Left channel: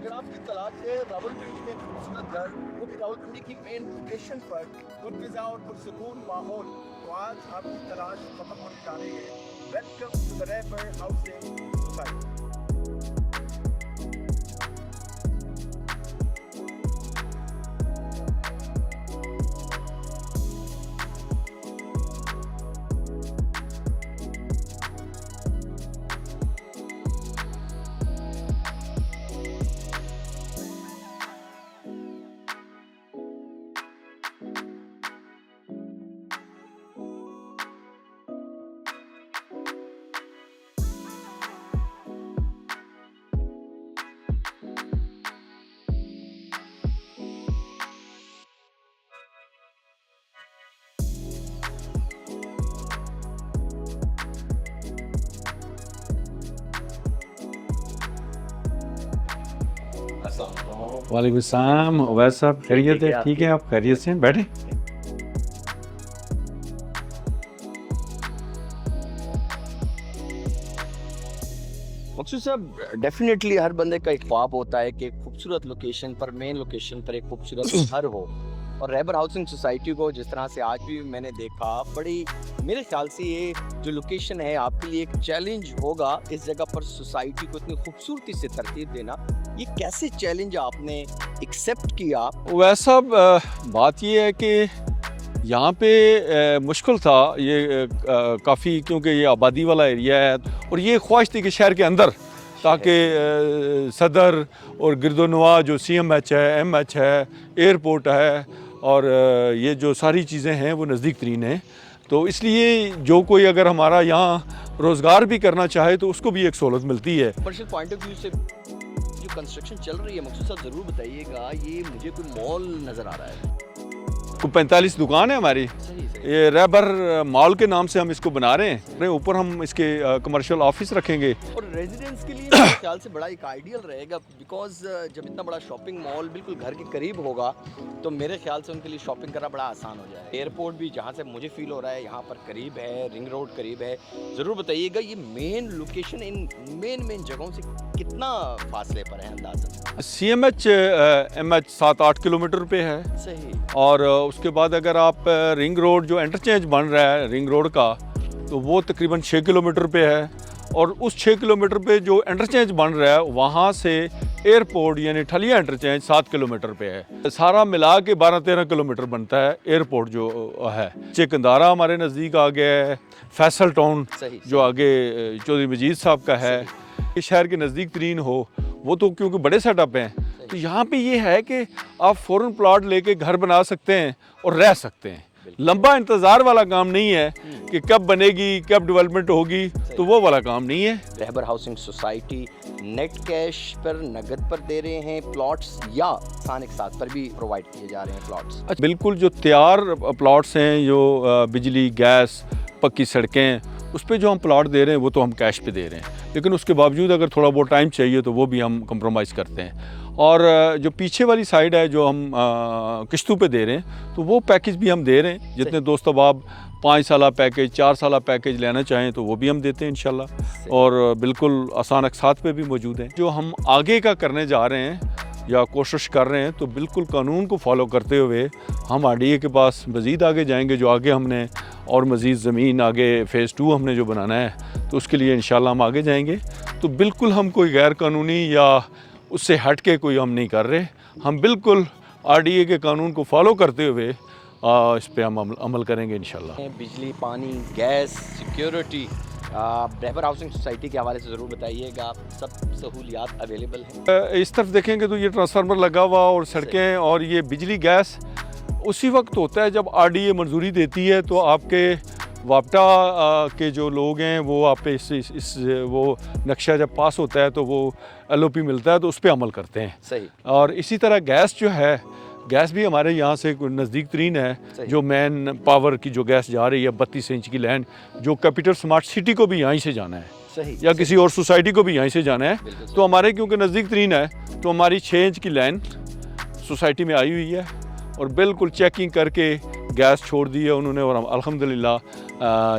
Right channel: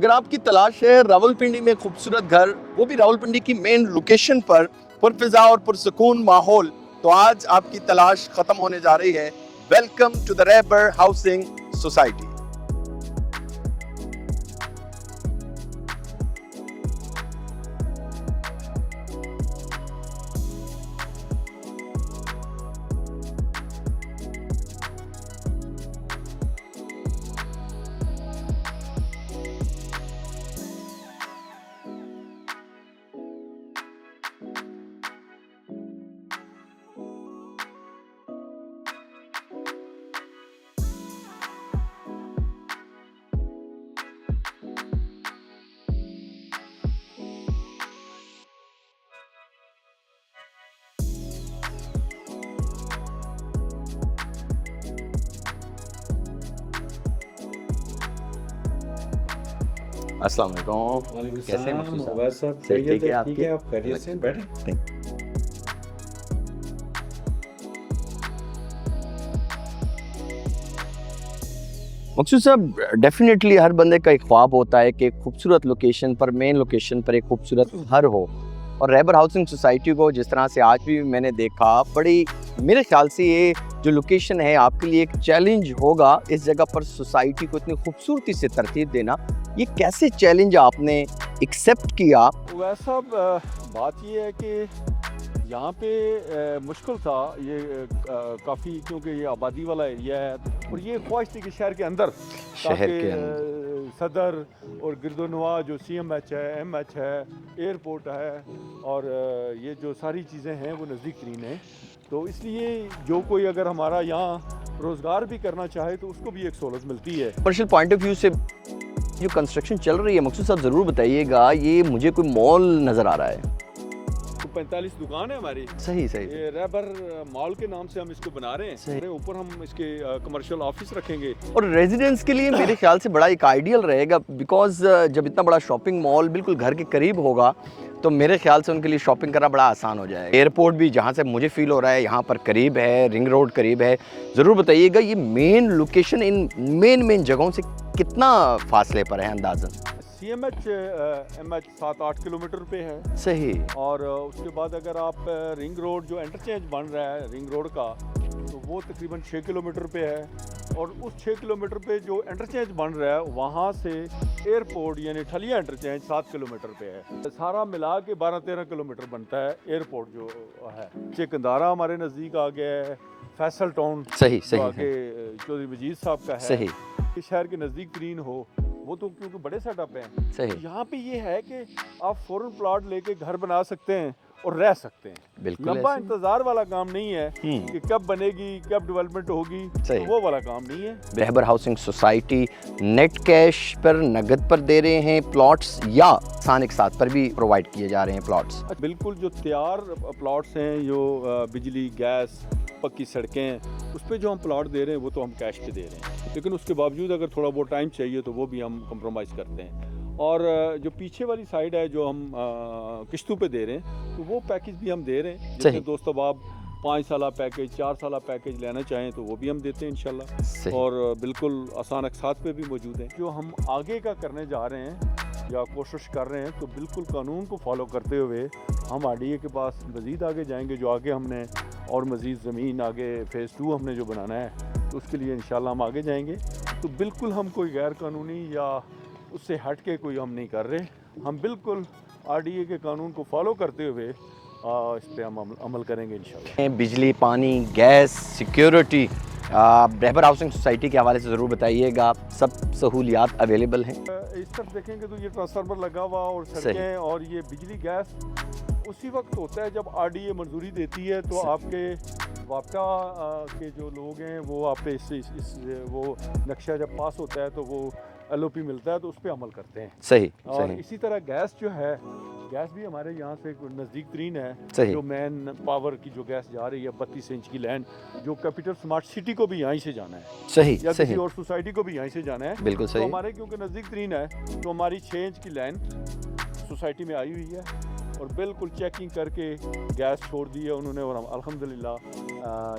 अगर आपकी तलाश है रावलपिंडी में खूबसूरत घर, वो भी रावलपिंडी की मेन लोकेशन पर पुरफिजा और पुरसकून माहौल, तो आज आपकी तलाश खत्म होने जा रही है। Welcome to the Rahbar housing society. अस्सलाम वालेकुम। वालेकुम सलाम। अवैस साहब खैरियत है? ठीक है, आप खैरियत से बैठे। मकसूद साहब, डेफिनेटली हर बंदे का एक ख्वाब होता है कि एक खूबसूरत लोकेशन पर, मेन लोकेशन पर एक खूबसूरत घर हो। और रैबर हाउसिंग सोसाइटी को जिस तरह से आज भी मैंने देखा, बड़ी मेरे ख्याल से ये जो लोकेशन है आपके लिए एक चैलेंज होगा। इस जगह पर सोसाइटी को इतनी खूबसूरती से तरतीब देना, ये कैसे चैलेंज आपने एक्सेप्ट किया? अवैस साहब, बात ये है कि यहाँ पे मुश्किल था ये काफ़ी, क्योंकि ये आबादी वाला एरिया है और ये ख्वाहिश थी कि शहर के अंदर, ताकि सदर और गिरदोनवा जो CMH है, MH है, एयरपोर्ट है और ये जो सारी चीज़ें हैं वो नज़दीक तरीन हैं। तो इसलिए जो कोई अगर हमारा यहाँ रोज़गार भी करना चाहे तो उसको भी एक सहूलत मिलती है। कमर्शियल पॉइंट ऑफ व्यू से जो कंस्ट्रक्शन चल रही है, मकसूद साहब ज़रूर बताइएगा, ये मुझे कोई मॉल नज़र आ रहा है। 45 दुकान है हमारी। सही सही। ये रैबर मॉल के नाम से हम इसको बना रहे हैं। ऊपर हम इसके कमर्शियल ऑफिस रखेंगे और रेजिडेंस के लिए मेरे ख्याल से बड़ा एक आइडियल रहेगा, बिकॉज जब इतना बड़ा शॉपिंग मॉल बिल्कुल घर के करीब होगा तो मेरे ख्याल से उनके लिए शॉपिंग करना बड़ा आसान हो जाएगा। एयरपोर्ट भी जहाँ से मुझे फील हो रहा है यहाँ पर करीब है, रिंग रोड करीब है। ज़रूर बताइएगा ये मेन लोकेशन इन मेन जगहों से कितना फासले पर है अंदाज़न? CMH MH 7-8 किलोमीटर पे है। सही। और उसके बाद अगर आप रिंग रोड जो इंटरचेंज बन रहा है रिंग रोड का, तो वो तकरीबन 6 किलोमीटर पे है। और उस 6 किलोमीटर पे जो इंटरचेंज बन रहा है वहाँ से एयरपोर्ट यानी ठलिया इंटरचेंज 7 किलोमीटर पे है। सारा मिला के 12-13 किलोमीटर बनता है एयरपोर्ट जो है। चिकंदारा हमारे नज़दीक आ गया है, फैसल टाउन सही, जो आगे चौधरी मजीद साहब का है, ये शहर के नज़दीक तरीन हो, वो तो क्योंकि बड़े सेटअप हैं। तो यहाँ पे ये है कि आप फ़ौरन प्लॉट लेके घर बना सकते हैं और रह सकते हैं। लंबा इंतजार वाला काम नहीं है कि कब बनेगी, कब डेवलपमेंट होगी, तो वो वाला काम नहीं है। रैबर हाउसिंग सोसाइटी नेट कैश पर, नगद पर दे रहे हैं प्लॉट्स, या आसान एक साथ पर भी प्रोवाइड किए जा रहे हैं प्लॉट्स? बिल्कुल, जो तैयार प्लॉट्स हैं, जो बिजली, गैस, पक्की सड़कें, उस पर जो हम प्लॉट दे रहे हैं वो तो हम कैश पे दे रहे हैं। लेकिन उसके बावजूद अगर थोड़ा बहुत टाइम चाहिए तो वो भी हम कंप्रोमाइज़ करते हैं। और जो पीछे वाली साइड है जो हम किश्तों पे दे रहे हैं, तो वो पैकेज भी हम दे रहे हैं। जितने दोस्त अब 5 साल पैकेज, 4 साल पैकेज लेना चाहें तो वो भी हम देते हैं इंशाल्लाह। और बिल्कुल आसान अक़सात पे भी मौजूद हैं। जो हम आगे का करने जा रहे हैं या कोशिश कर रहे हैं, तो बिल्कुल कानून को फॉलो करते हुए हम RDA के पास मज़ीद आगे जाएंगे। जो आगे हमने और मज़ीद ज़मीन आगे फ़ेज़ 2 हमने जो बनाना है, तो उसके लिए इंशाल्लाह हम आगे जाएंगे। तो बिल्कुल हम कोई गैर कानूनी या उससे हट के कोई हम नहीं कर रहे। हम बिल्कुल RDA के कानून को फॉलो करते हुए इस पे हम अमल करेंगे इंशाल्लाह। बिजली, पानी, गैस, सिक्योरिटी, रैबर हाउसिंग सोसाइटी के हवाले से ज़रूर बताइएगा, सब सहूलियात अवेलेबल हैं? इस तरफ देखेंगे तो ये ट्रांसफार्मर लगा हुआ और सड़कें और ये बिजली गैस उसी वक्त होता है जब RDA मंजूरी देती है। तो आपके वापटा के जो लोग हैं वो आप पे इस वो नक्शा जब पास होता है तो वो LOP मिलता है, तो उस पर अमल करते हैं। सही। और इसी तरह गैस जो है, गैस भी हमारे यहाँ से नज़दीक तरीन है। जो मेन पावर की जो गैस जा रही है 32 इंच की लाइन, जो कैपिटल स्मार्ट सिटी को भी यहीं से जाना है। सही। या किसी और सोसाइटी को भी यहीं से जाना है। तो हमारे क्योंकि नज़दीक तरीन है, तो हमारी 6 इंच की लाइन सोसाइटी में आई हुई है और बिल्कुल चेकिंग करके गैस छोड़ दी है उन्होंने। और अल्हम्दुलिल्लाह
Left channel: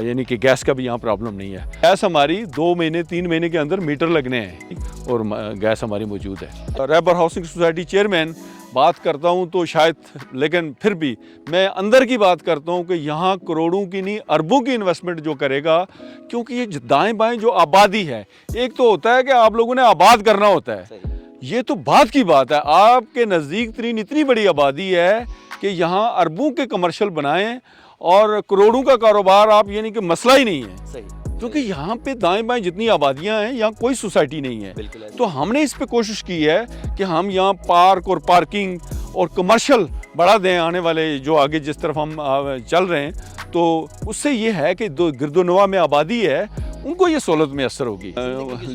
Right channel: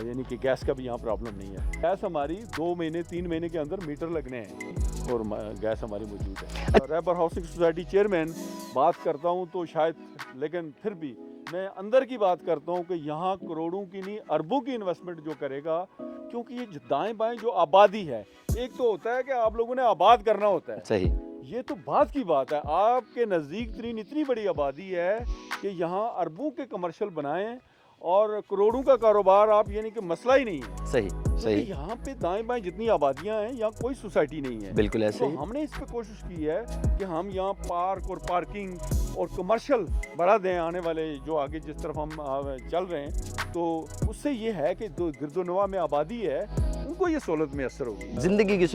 यानी कि गैस का भी यहाँ प्रॉब्लम नहीं है। गैस हमारी 2 महीने 3 महीने के अंदर मीटर लगने हैं और गैस हमारी मौजूद है। रैबर हाउसिंग सोसाइटी चेयरमैन बात करता हूँ तो शायद, लेकिन फिर भी मैं अंदर की बात करता हूँ कि यहाँ करोड़ों की नहीं अरबों की इन्वेस्टमेंट जो करेगा, क्योंकि ये दाएं बाएं जो आबादी है, एक तो होता है कि आप लोगों ने आबाद करना होता है, सही, ये तो बात की बात है। आपके नज़दीक तरीन इतनी बड़ी आबादी है कि यहाँ अरबों के कमर्शियल बनाएं और करोड़ों का कारोबार आप, यानी कि मसला ही नहीं है। सही, क्योंकि यहाँ पे दाएं बाएं जितनी आबादियाँ हैं, यहाँ कोई सोसाइटी नहीं है। बिल्कुल ऐसे तो हमने इस पे कोशिश की है कि हम यहाँ पार्क और पार्किंग और कमर्शियल बढ़ा दें। आने वाले जो आगे जिस तरफ हम चल रहे हैं, तो उससे ये है कि जो गिरदोनवा में आबादी है उनको ये सहूलत मैसर होगी, जिंदगी की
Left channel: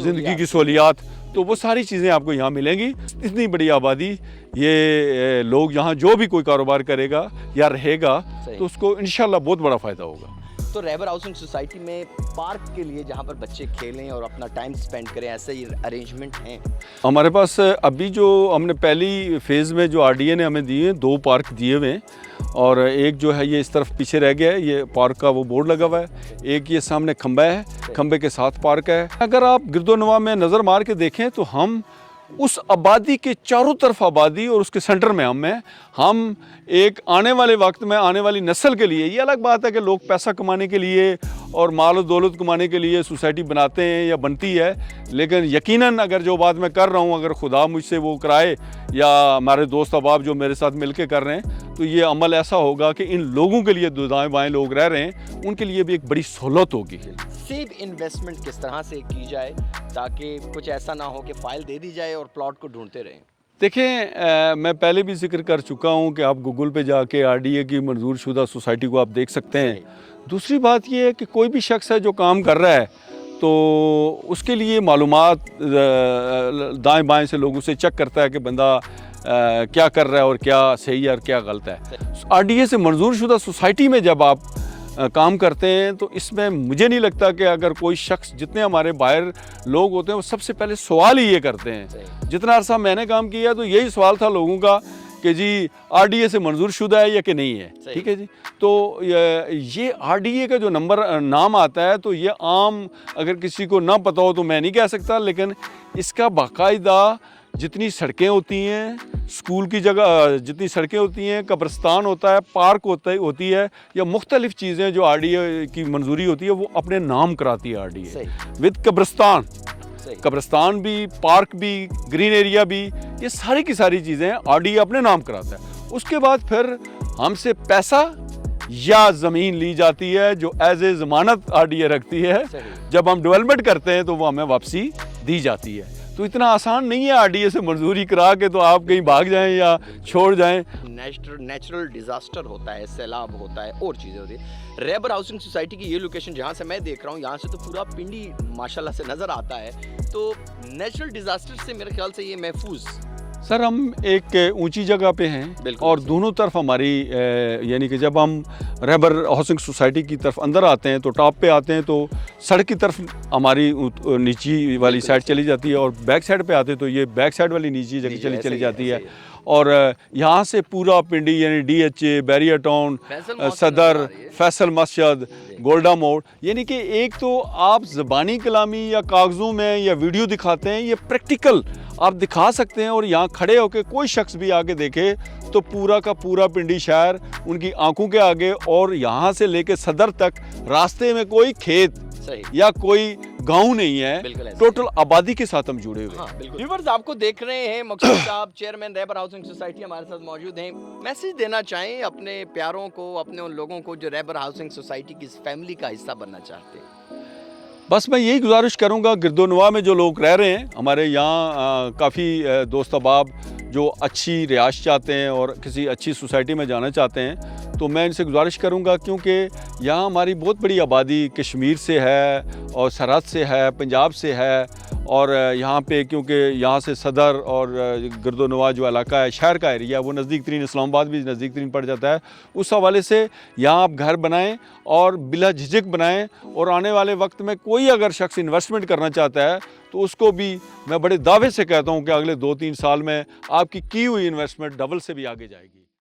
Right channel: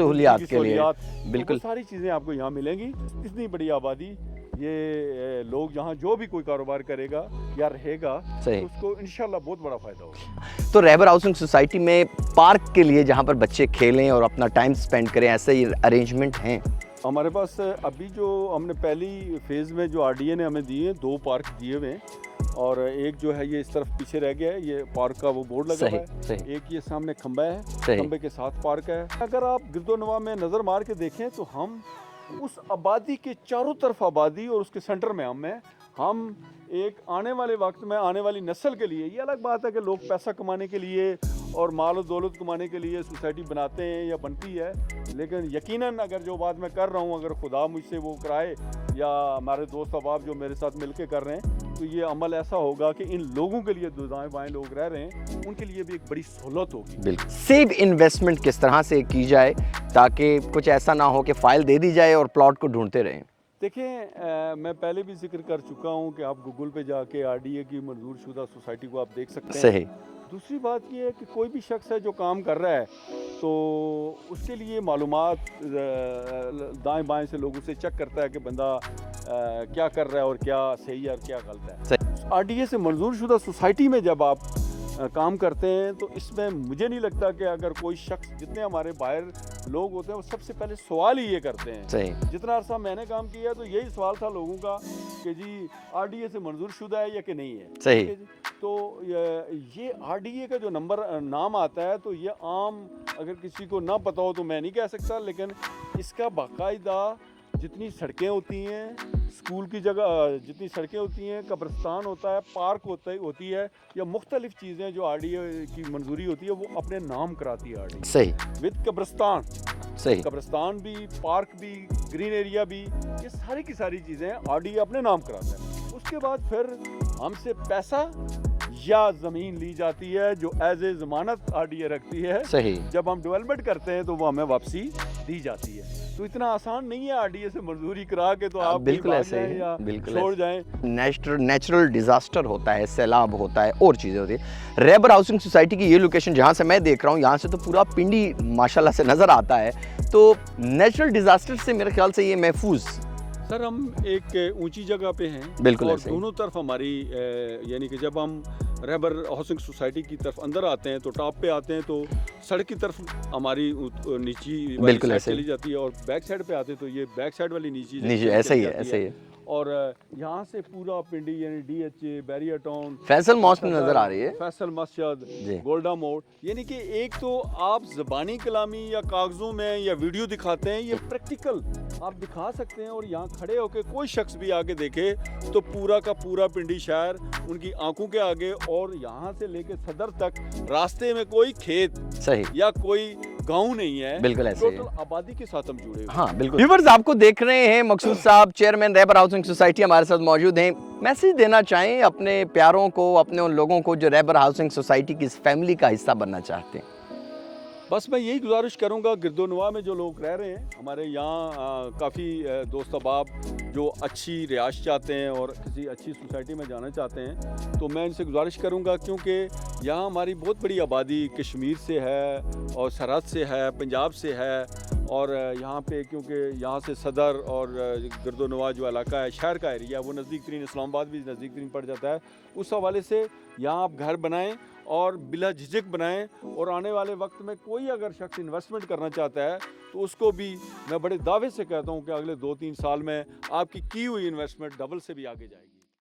सहूलियात, तो वो सारी चीज़ें आपको यहाँ मिलेंगी। इतनी बड़ी आबादी, ये लोग यहाँ जो भी कोई कारोबार करेगा या रहेगा तो उसको इंशाल्लाह बहुत बड़ा फ़ायदा होगा। तो रैबर हाउसिंग सोसाइटी में पार्क के लिए जहाँ पर बच्चे खेलें और अपना टाइम स्पेंड करें, ऐसे ही अरेंजमेंट हैं? हमारे पास अभी जो हमने पहली फेज़ में जो आरडीए ने हमें दिए हैं, 2 पार्क दिए हुए हैं, और एक जो है ये इस तरफ पीछे रह गया है, ये पार्क का वो बोर्ड लगा हुआ है। एक ये सामने खंबा है, खंबे के साथ पार्क है। अगर आप गिरदोनवा में नज़र मार के देखें तो हम उस आबादी के चारों तरफ आबादी और उसके सेंटर में हम एक आने वाले वक्त में आने वाली नस्ल के लिए, ये अलग बात है कि लोग पैसा कमाने के लिए और माल और दौलत कमाने के लिए सोसाइटी बनाते हैं या बनती है, लेकिन यकीनन अगर जो बात मैं कर रहा हूँ, अगर खुदा मुझसे वो कराए या हमारे दोस्त अहबाब जो मेरे साथ मिलके कर रहे हैं, तो ये अमल ऐसा होगा कि इन लोगों के लिए, जो दाएं बाएं लोग रह रहे हैं, उनके लिए भी एक बड़ी सहूलत होगी। सेव इन्वेस्टमेंट किस तरह से की जाए ताकि कुछ ऐसा ना हो कि फाइल दे दी जाए और प्लॉट को ढूंढते रहें? देखें, मैं पहले भी जिक्र कर चुका हूँ कि आप गूगल पे जाके आरडीए की मंजूर शुदा सोसाइटी को आप देख सकते हैं। दूसरी बात ये है कि कोई भी शख्स है जो काम कर रहा है, तो उसके लिए मालूमात दाएं बाएं से लोगों से चेक करता है कि बंदा क्या कर रहा है और क्या सही है और क्या गलत है। आरडीए से मंजूर शुदा सोसाइटी में जब आप काम करते हैं, तो इसमें मुझे नहीं लगता कि अगर कोई शख्स, जितने हमारे बाहर लोग होते हैं, वो सबसे पहले सवाल ही ये करते हैं। जितना अरसा मैंने काम किया तो यही सवाल था लोगों का कि जी आरडीए से मंजूर शुदा है या कि नहीं है। ठीक है जी। तो ये आरडीए का जो नाम आता है, तो ये आम अगर किसी को ना पता हो तो मैं नहीं कह सकता, लेकिन इसका बाकायदा जितनी सड़कें होती हैं, स्कूल की जगह जितनी सड़कें होती हैं, कब्रिस्तान होता है, पार्क होती है, या मुख्तलिफ चीज़ें जो आरडीए की मंजूरी होती है, वो अपने नाम कराती है आरडीए। सही। विद कब्रिस्तान, कब्रिस्तान भी, पार्क भी, ग्रीन एरिया भी, ये सारी की सारी चीज़ें आरडीए अपने नाम कराता है। उसके बाद फिर हमसे पैसा या ज़मीन ली जाती है जो एज ए ज़मानत आरडीए रखती है। सही। जब हम डेवलपमेंट करते हैं तो वो हमें वापसी दी जाती है। तो इतना आसान नहीं है आरडीए से मंजूरी करा के तो आप कहीं भाग जाएं या छोड़ जाएं। नेचुरल डिजास्टर होता है, सैलाब होता है और चीज़ें होती है। रैबर हाउसिंग सोसाइटी की ये लोकेशन जहाँ से मैं देख रहा हूँ, यहाँ से तो पूरा पिंडी माशाल्लाह से नज़र आता है। तो नेचुरल डिजास्टर से मेरे ख्याल से ये महफूज। सर, हम एक ऊंची जगह पे हैं और दोनों तरफ हमारी, यानी कि जब हम रैबर हाउसिंग सोसाइटी की तरफ अंदर आते हैं तो टॉप पे आते हैं तो सड़क की तरफ हमारी नीची वाली साइड चली जाती है, और बैक साइड पे आते हैं तो ये बैक साइड वाली नीची जगह चली जाती है। और यहाँ से पूरा पिंडी, यानी डीएचए, बैरियर टाउन, सदर, फैसल मस्जिद, गोल्डा मोड़, यानी कि एक तो आप ज़बानी कलामी या कागज़ों में या वीडियो दिखाते हैं, ये प्रैक्टिकल आप दिखा सकते हैं। और यहाँ खड़े होकर कोई शख्स भी आके देखे तो पूरा का पूरा पिंडी शहर उनकी आंखों के आगे, और यहाँ से लेके सदर तक रास्ते में कोई खेत या कोई गांव नहीं है, टोटल आबादी के साथ हम जुड़े हुए हैं। हाँ, बिल्कुल। व्यूअर्स, आपको देख रहे हैं मकसूद साहब, चेयरमैन रैबर हाउसिंग सोसाइटी, हमारे साथ मौजूद हैं। मैसेज देना चाहें अपने प्यारों को, अपने उन लोगों को जो रैबर हाउसिंग सोसाइटी की इस फैमिली का हिस्सा बनना चाहते हैं? बस मैं यही गुजारिश करूंगा, गिरदोनवा में जो लोग रह रहे हैं, हमारे यहाँ काफ़ी दोस्त अहबाब जो अच्छी रिहाइश चाहते हैं और किसी अच्छी सोसाइटी में जाना चाहते हैं, तो मैं इनसे गुजारिश करूंगा, क्योंकि यहाँ हमारी बहुत बड़ी आबादी कश्मीर से है और सरहद से है, पंजाब से है, और यहाँ पे क्योंकि यहाँ से सदर और गिरदोनवा जो इलाका है, शहर का एरिया, वो नज़दीक तरीन, इस्लामाबाद भी नज़दीक तरीन पड़ जाता है। उस हवाले से यहाँ आप घर बनाएं और बिला झिझक बनाएं, और आने वाले वक्त में कोई अगर शख्स इन्वेस्टमेंट करना चाहता है तो उसको भी मैं बड़े दावे से कहता हूँ कि अगले 2-3 साल में आपकी की हुई इन्वेस्टमेंट डबल से भी आगे जाएगी।